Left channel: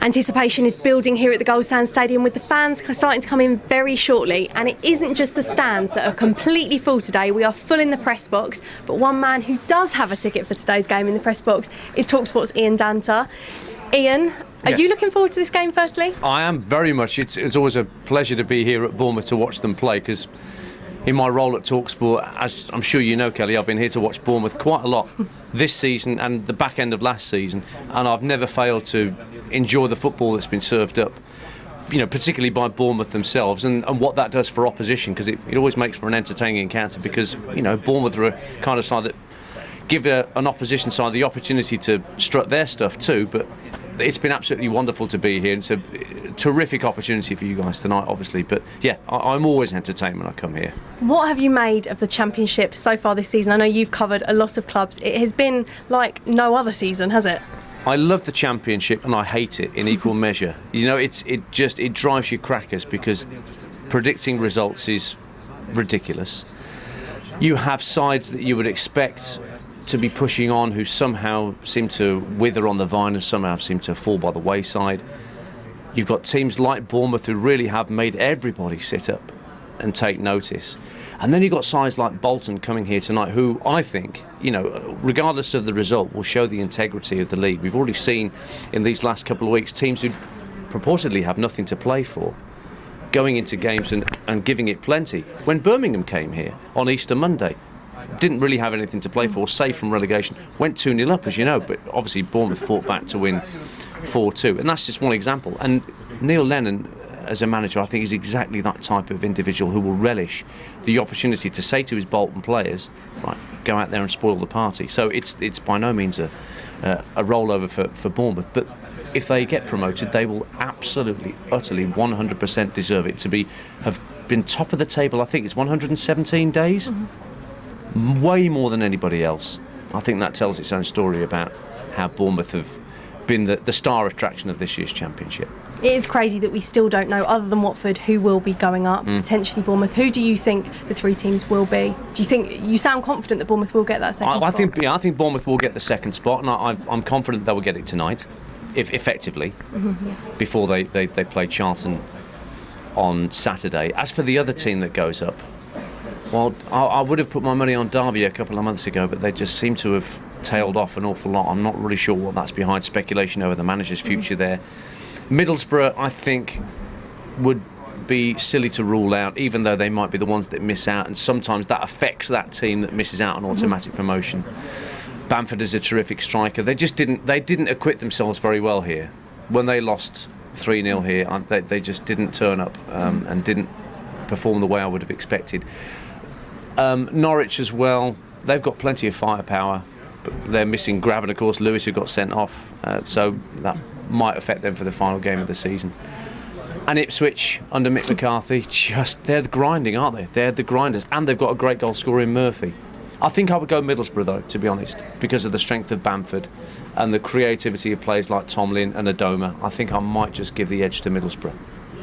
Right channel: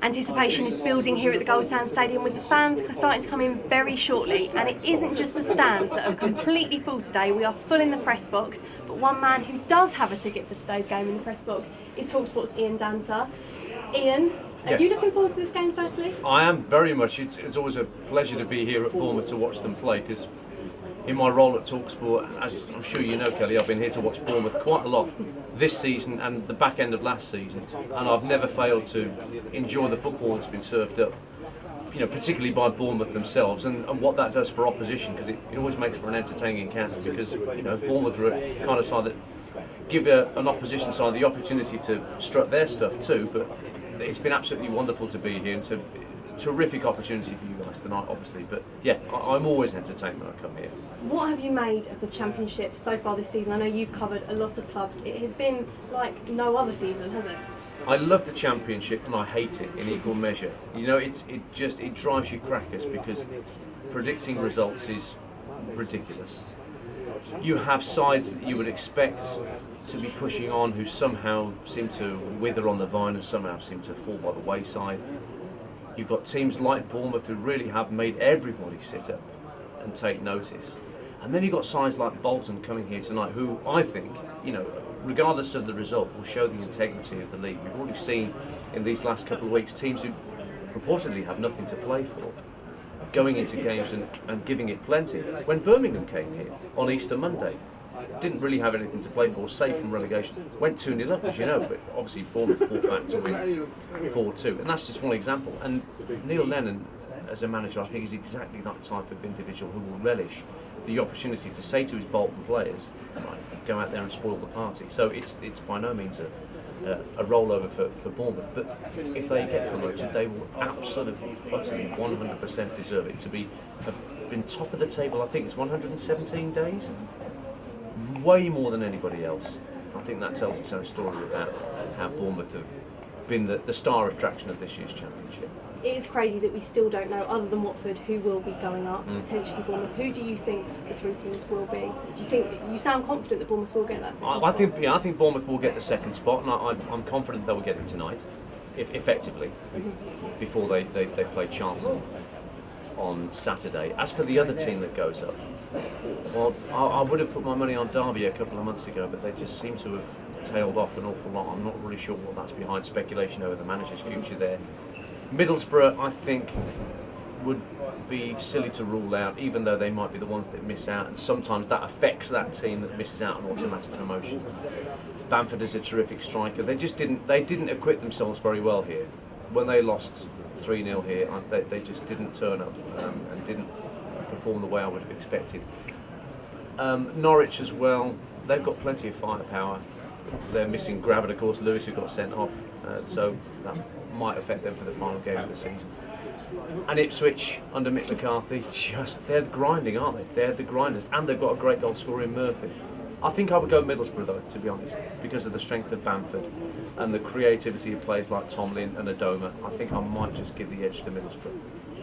Anticipation is building here at the Goldsands Stadium, with the fans starting to come in very shortly, and it isn't just the stands that are completely full today. We are full in the press box, but one man who does have a ticket for today's game in the press box is talkSPORT's Ian Danter. Ian, are you looking forward to this game firstly? I am very much. It's always a pleasure to be here at Bournemouth to watch them play, because in my role at talkSPORT, as I'm sure you know, Kelly, I've been here to watch Bournemouth quite a lot this season and the back end of last season, and I've never failed to enjoy the football that's been served up, you know, particularly by Bournemouth themselves, and what that does for opposition, because it always makes for an entertaining encounter, because, you know, Bournemouth are a kind of side that give an opposition side the opportunity to strut their stuff too. But it's been absolutely wonderful to be here. It's a terrific opportunity for you guys tonight, obviously. But yeah, I'm always entertained when I come here. What have you made of the Championship so far this season? I know you've covered a lot of clubs. It has been like no other season, has it? I love the Championship and I hate it in equal measure. You know, it drives you crackers, because predicting results is ridiculous. You have sides that you would expect to be pushing on who somehow seem to wither on the vine and somehow seem to fall by the wayside. You've got teams like Bournemouth who really have made everybody sit up and take notice. And then you've got sides like Bolton coming here tonight who I think, you know, regardless of the result, will show the integrity of the league. We've already seen in these last couple of weeks teams who purportedly have nothing to play for going into games and giving it plenty. When Birmingham came here on Easter Monday, didn't really have anything to play for, safe from relegation, went 2-0 up, as you know, but obviously Bournemouth fought back to win 4-2, and that's just one example. And Neil Lennon, as a manager, I think is exactly that type of individual who will relish the opportunity to say to his Bolton players, right, go out there and spoil the party. So it's by no means a rollover for Bournemouth, but if they get promoted, they will absolutely, utterly, 100% deserve it to have been top of the table. I think it's 117 days. Way more than anybody else. I think that tells its own story about how Bournemouth have been the star attraction of this year's Championship. It is crazy that we still don't know, other than Watford, who will be going up, potentially Bournemouth. Who do you think the three teams will be? Do you think, you sound confident that Bournemouth will get that second spot? I think Bournemouth will get the second spot, and I'm confident they will get it tonight, if effectively, before they play Charlton on Saturday. As for the other team that goes up, well, I would have put my money on Derby a couple of months ago, but they just seem to have tailed off an awful lot. I'm not really sure what that's behind. Speculation over the manager's future there. Middlesbrough, I think, would be silly to rule out, even though they might be the ones that miss out, and sometimes that affects that team that misses out on automatic promotion. Bamford is a terrific striker. They didn't acquit themselves very well here. When they lost 3-0 here, they just didn't turn up and didn't perform the way I would have expected. Norwich as well, they've got plenty of firepower, but they're missing Gravitt, of course, Lewis, who got sent off, so that might affect them for the final game of the season. And Ipswich, under Mick McCarthy, they're grinding, aren't they? They're the grinders, and they've got a great goal scorer in Murphy. I think I would go Middlesbrough, though, to be honest, because of the strength of Bamford and the creativity of players like Tomlin and Adoma. I think I might just give the edge to Middlesbrough.